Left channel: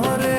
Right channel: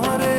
more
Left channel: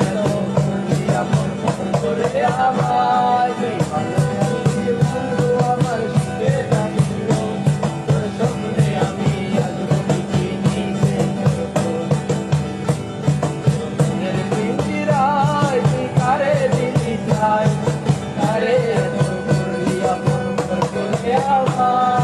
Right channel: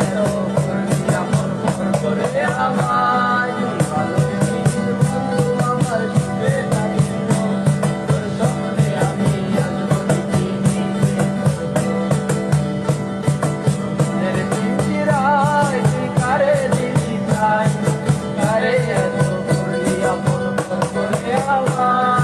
এত করলি আপন পর করে আমায় ভালোবেসিস বন্ধু আমার সুখে থাকিস গো। তোর স্বপ্নে আমি নিচে করব মনের পিঞ্জিরায় তুই কারে দিলি ঠাই কারে এত করলি আপন পর করে আমায়